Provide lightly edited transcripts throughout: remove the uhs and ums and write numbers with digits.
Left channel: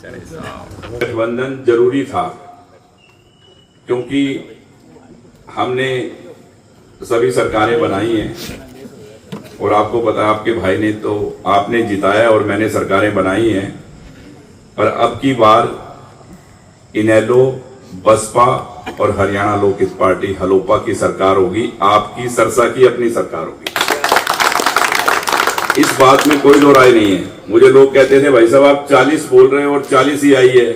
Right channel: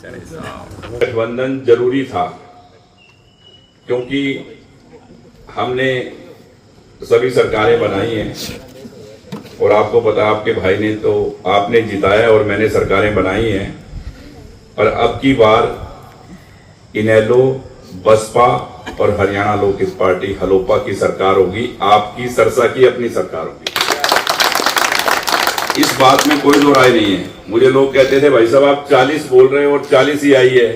गठबंधन जरूरी था क्योंकि हमने सभी सरकारें बनाई हैं और आपको पता, आपके भाई ने तो आपने जिताया और मैंने सरकारें बनाई हैं। और अब की बार इनेलो, बसपा और हरियाणा लोकहित पार्टी हलोपा की सरकार होगी, आपकी सरसा की अपनी सरकार होगी। इस बात में कोई दो राय नहीं है। मुझे लोग कहते थे भाई साहब आप 40 बोल रहे हो और 40 ही आई है,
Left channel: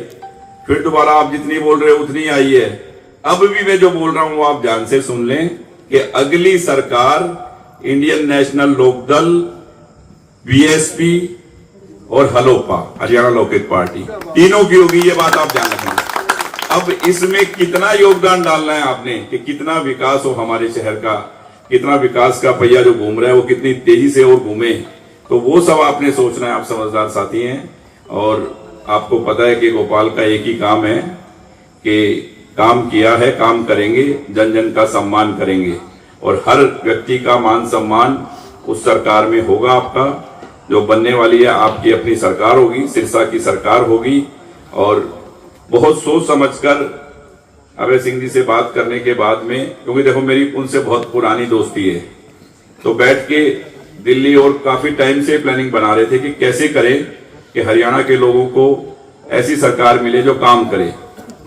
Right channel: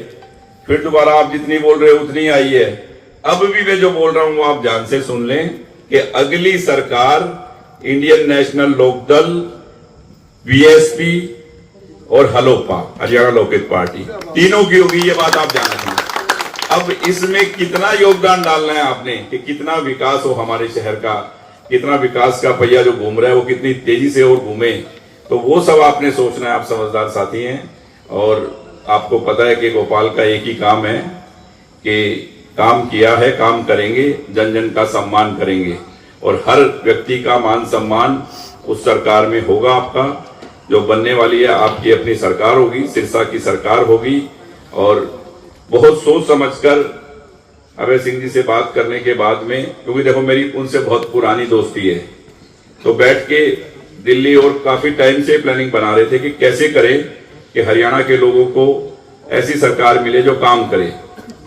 फिर दोबारा आप जितनी बोल रहे हो उतनी आई है। अब भी मैं जो बोल रहा हूं वो आप ध्यान से सुन लें कि अगली सरकार इंडियन नेशनल लोकदल, बीएसपी और हलोपा हरियाणा लोकहित पार्टी तीनों की होगी, ये बात आप जान रखें। अब इसमें कितना योगदान डालना है आपने कि कितना विकास हो हमारे शहर का, कितना विकास का पहिया जो घूम रहा है वो कितनी तेजी से और घूमे, तो वो सब आपने सोचना है। आप समझदार साथी हैं और आपको पता है कि गोपाल का एक ही काम है कि काम किया है, काम करेंगे, जन जन का सम्मान करेंगे और हर व्यक्ति का मान सम्मान उस सरकार में होगा। आपका जो बनने वाली है आपकी अपनी सरकार होगी, सिरसा की सरकार होगी। और बहुत सोच समझकर अभय सिंह जी से बात करने के बाद में, क्योंकि देखो मेरी उनसे बहुत पुरानी दोस्ती है, तो बैठ के दिल्ली और काफी टाइम से प्लानिंग बना रहे थे कि कैसे करें कि हरियाणा के लोगों को ऐसी सरकार मिले जो काम करे।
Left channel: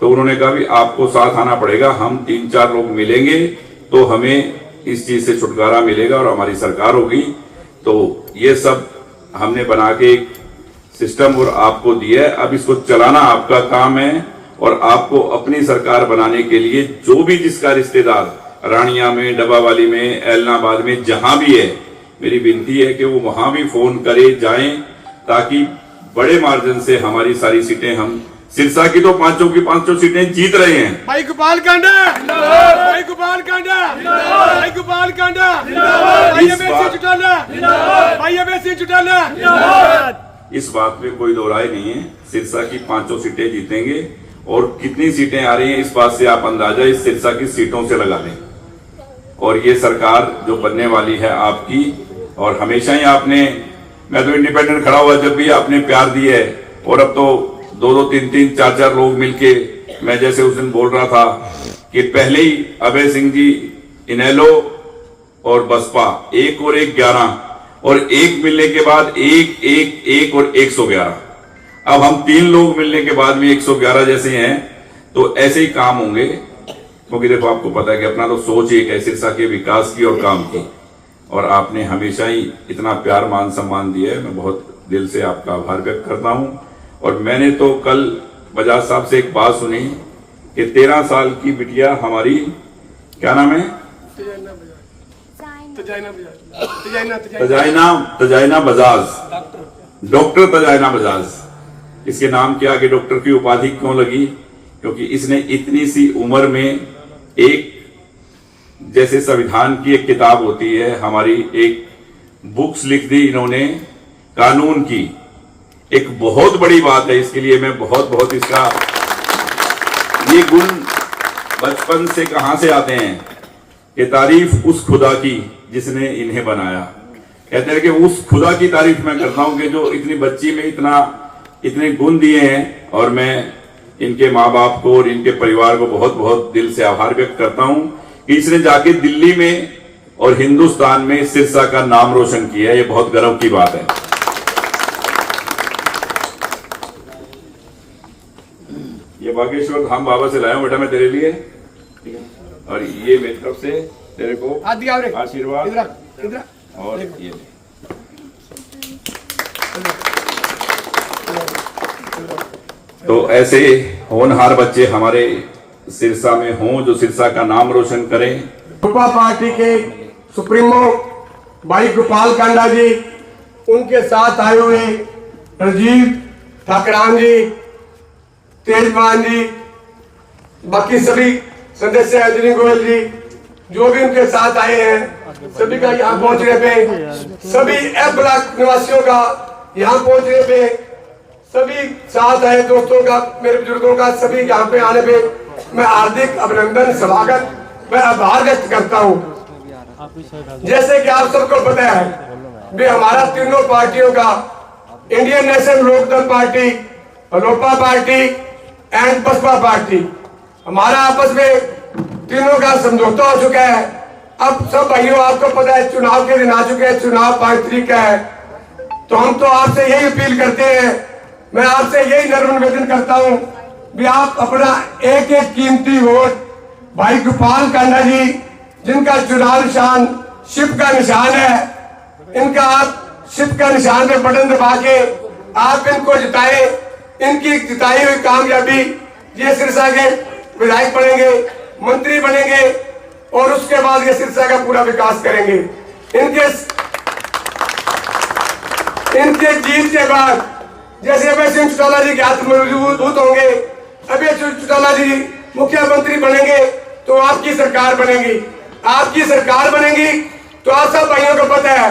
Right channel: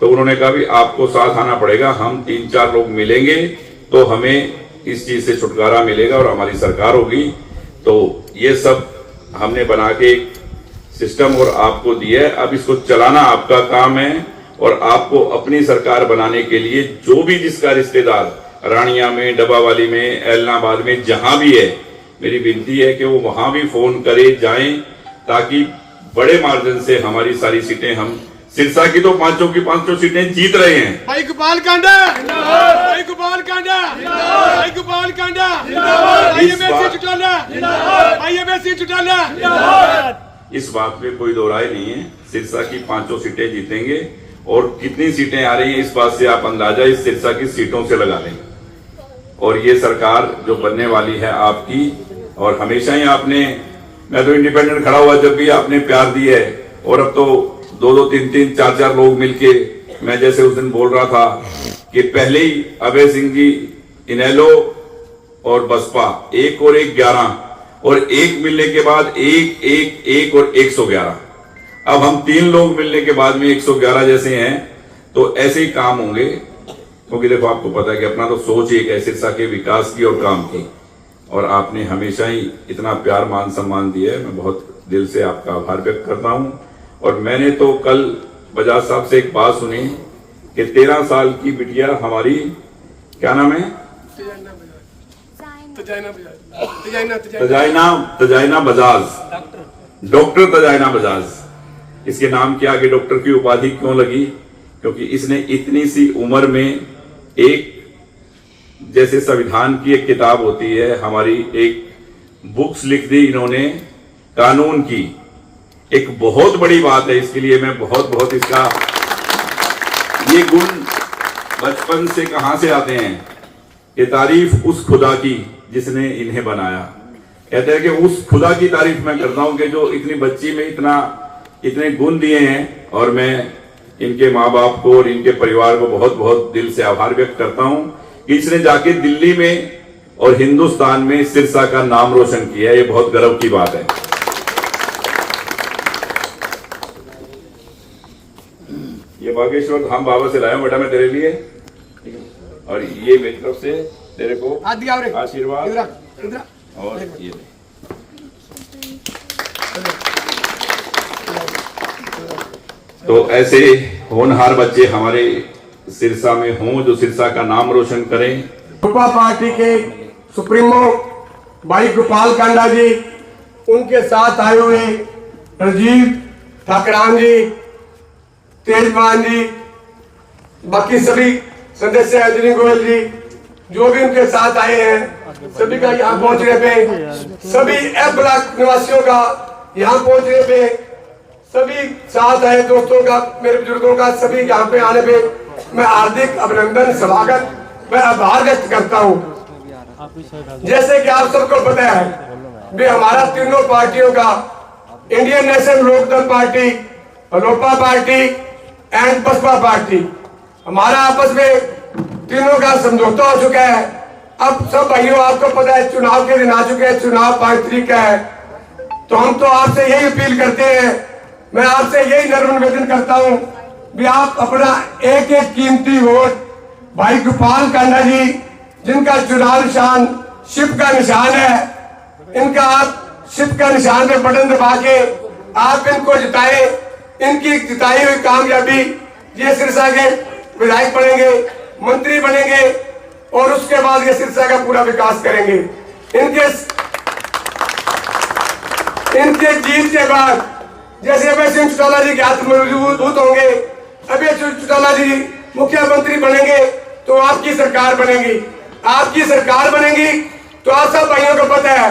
तो उन्होंने कहा भी आपको साथ आना पड़ेगा, हम 3-4 लोग मिलेंगे तो हमें इस चीज से छुटकारा मिलेगा और हमारी सरकार होगी। तो ये सब हमने बना के एक सिस्टम और आपको दिया है, अब इसको चलाना आपका काम है। और आपको अपनी सरकार बनाने के लिए जो भी जिसका रिश्तेदार रानिया में, डब्बावाली में, एलनाबाद में, जहां भी है, मेरी विनती है कि वो वहां भी फोन करे, जाएं, ताकि बड़े मार्जिन से हमारी सारी सीटें, हम सिरसा की तो 5 की 5 सीटें जीत रहे हैं। भाई गोपाल कांडा, भाई गोपाल कांडा, भाई गोपाल कांडा, भाई एमएससी चुटाला, भाई एमएससी चुटाला। इस बात में कोई दो राय नहीं है, सिरसा की 5 सीटें जीतेंगे। और कितनी सीटें आ रही हैं इस बात से आप अंदाजा इस सिरसा की सीटों से लगा लें। और ये सरकार जो बनने वाली है आपकी, और हमेशा ही आपने, मैं तो इंडिपेंडेंट खड़ा हुआ जब भी आपने प्यार दिया है, और अब तो 2-2, 3-3, 4-4 लोग मिलके, मैं जैसे उस दिन बोल रहा था कि पहले ही अभय सिंह जी, इनेलो और बसपा 1 और 1 11, और 1 मिलने के बाद 1, 1, 1 और 111। अब हम 3 लोग मिलने के बाद भी 111 जैसे हैं, तो ऐसे ही काम होंगे। क्योंकि देखो आपको पता है कि अपना तो सोच एक है सिरसा के विकास की और काम की, और आपने हमेशा ही इतना प्यार, मान सम्मान दिया है। मैं बहुत दिल से आपका आभार व्यक्त करता हूं। और मैंने तो कल बजाज साहब से एक बात सुनी कि 13 साल की बिटिया हमारी, क्या नाम है, तजाइना बजाज, डॉक्टर तजाइना बजाज। इसके नाम के आगे डॉक्टर की उपाधि क्यों लगी? क्योंकि इसने इतनी सी उम्र में एक, जैसे संविधान की एक किताब होती है हमारी, एक बुक्स लिख दी इन्होंने कानून की। एक बहुत बड़ी बात है, इसके लिए मैं बहुत बहुत इसका, ये गुण बचपन से कहां से आते हैं कि तारीफ उस खुदा की जिसने इन्हें बनाया। कहते हैं कि उस खुदा की तारीफ मैं करता हूं कि जो इतनी बच्ची में इतने गुण दिए हैं। और मैं इनके माँ बाप को और इनके परिवार को बहुत बहुत दिल से आभार व्यक्त करता हूं कि इसने जाके दिल्ली में और हिंदुस्तान में सिरसा का नाम रोशन किया। ये बहुत गर्व की बात है। ये बागेश्वर धाम बाबा से लाया हूं बेटा मैं तेरे लिए, और ये मेरी तरफ से तेरे को आशीर्वाद, और ये तो ऐसे होनहार बच्चे हमारे सिरसा में हों जो सिरसा का नाम रोशन करें। गोपा पार्टी के सुप्रीमो भाई गोपाल कांडा जी, उनके साथ आए हुए राजीव ठाकरान जी, तेजमान जी, बाकी सभी सदस्य, अजनी गोयल जी, जो भी उनके साथ आए हैं, सभी का यहाँ पहुंचने पे, सभी एफ ब्लॉक निवासियों का यहाँ पहुंचने पे, सभी साथ आए दोस्तों का, मेरे बुजुर्गों का, सभी यहाँ पे आने पे मैं हार्दिक अभिनंदन, स्वागत, मैं आभार व्यक्त करता हूँ। जैसे कि आप सबको पता है भी हमारा तीनों पार्टियों का, Indian National Lokdal party, Lopa party and Baspa party, हमारा आपस में तीनों का समझौता हो चुका है। अब सब भाइयों आपको पता है चुनाव के दिन आ चुके हैं, चुनाव 5 तारीख का है, तो हम तो आपसे यही अपील करते हैं, मैं आपसे यही नम्र निवेदन करता हूं कि आप अपना एक एक कीमती वोट भाई गोपाल कांडा जी, जिनका चुनाव निशान शिप का निशान है, इनका आप शिप का निशान पे बटन दबा के आप इनको जिताएं। इनकी जिताई हुई कामयाबी ये सिरसा के विधायक बनेंगे, मंत्री बनेंगे और उसके बाद ये सिरसा का पूरा विकास करेंगे। इनके जीत के बाद जैसे अभय सिंह चौटाला जी के हाथ मजबूत होंगे, अभय सिंह चौटाला जी मुख्यमंत्री बनेंगे तो आपकी सरकार बनेगी। आपकी सरकार बनेगी तो आप सब भाइयों को पता है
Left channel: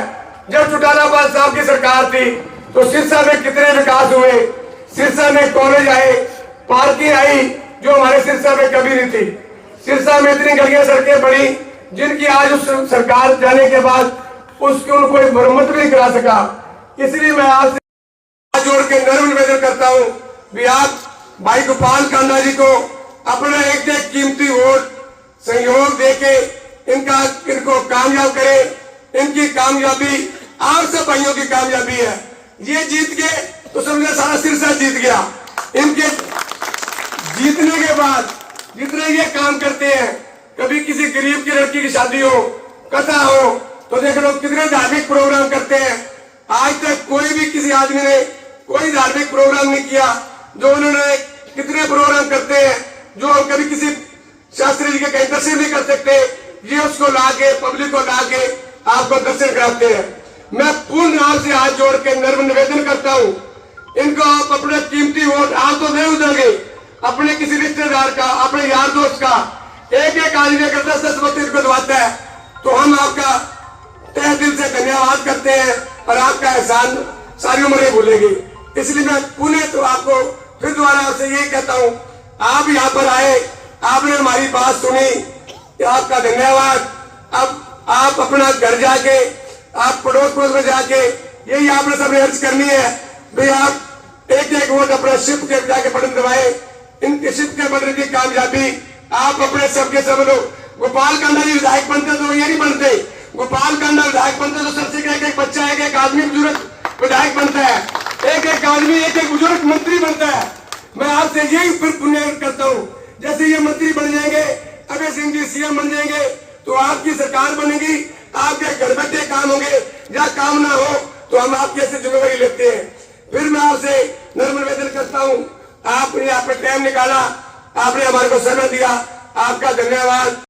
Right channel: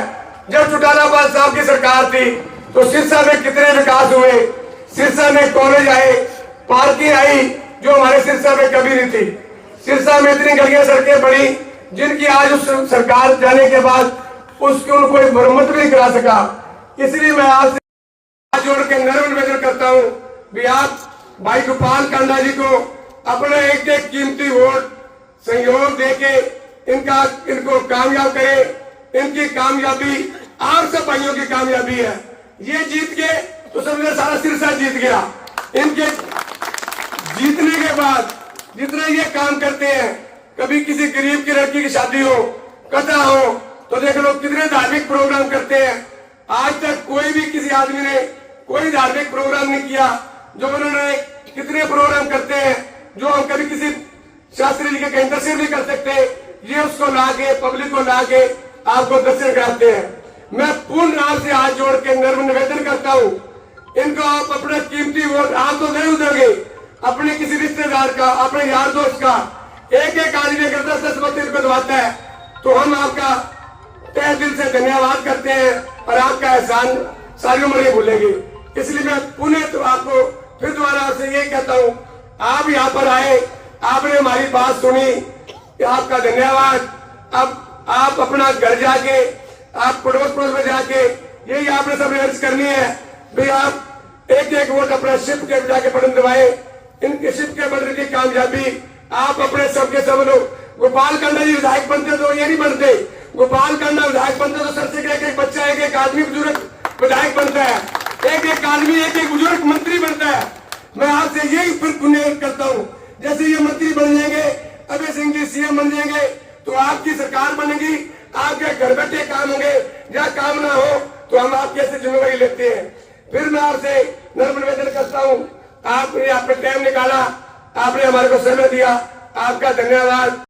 जब चौटाला साहब की सरकार थी तो सिरसा में कितने विकास हुए, सिरसा में कॉलेज आए, पार्किंग आई जो हमारे सिरसा में कभी नहीं थी। सिरसा में इतनी गलियां सड़कें बनी जिनकी आज उस सरकार जाने के बाद उसकी कोई मरम्मत भी नहीं करा सका। इसलिए मैं आपसे हाथ जोड़ के नम्र निवेदन करता हूं कि आप भाई गोपाल कांडा जी को अपना एक एक कीमती वोट सहयोग देके इनको कामयाब करें। इनकी कामयाबी आप सब भाइयों की कामयाबी है। ये जीत गए तो समझे सारा सिरसा जीत गया। इनके जीतने के बाद जितना ये काम करते हैं, कभी किसी गरीब की लड़की की शादी हो, कथा हो, तो देख लो कितने धार्मिक प्रोग्राम करते हैं। आज तक कोई भी किसी आदमी ने कोई धार्मिक प्रोग्राम नहीं किया जो उन्होंने कितने प्रोग्राम करते हैं जो हम कभी किसी शास्त्री जी के कहीं दर्शन नहीं कर सकते, ये उसको लाके पब्लिक को लाके आपको दर्शन कराते हैं। मैं पूर्ण राम से हाथ जोड़ के नम्र निवेदन करता हूँ, इनको आप अपना कीमती वोट आप तो नहीं उधेंगे, अपने किसी रिश्तेदार का, अपने यार दोस्त का एक एक आदमी अगर 10-10 वक्त इनको दबाता है तो हम आपका तहे दिल से धन्यवाद करते हैं और आपका एहसान सारी उम्र नहीं भूलेंगे। इसलिए मैं पुनः तो आपको फिर दोबारा आपसे ये कहता हूँ, आप यहाँ पर आए, आपने हमारी बात सुनी, आपका धन्यवाद। अब आप अपना घर जाके, आप पड़ोस में जाके यही आपने सबने अर्ज करनी है भाई आप एक एक वोट अपने शिप के जाके बटन दबाए। इनके शिप के बटन की कामयाबी आप अपने सबके सब लोग। गोपाल कांडा जी विधायक बनते तो ये नहीं बनते, गोपाल कांडा विधायक बनते तो सरसे का एक एक बच्चा, एक एक आदमी बुजुर्ग विधायक बनता है, एक एक आदमी, एक एक बुजुर्ग मंत्री बनता है। मैं आपसे यही फिर पुण्य करता हूँ, जैसे ये मंत्री बन जाएंगे, अभय सिंह जी सीएम बन जाएंगे तो आपकी सरकार बनेगी, आपके घर बैठे काम होंगे, या काम ना हो तो हम आपकी ऐसे जिम्मेवारी लेते हैं। फिर मैं आपसे नम्र निवेदन करता हूँ, आपने आपने टाइम निकाला, आपने हमारे को समय दिया, आपका धन्यवाद।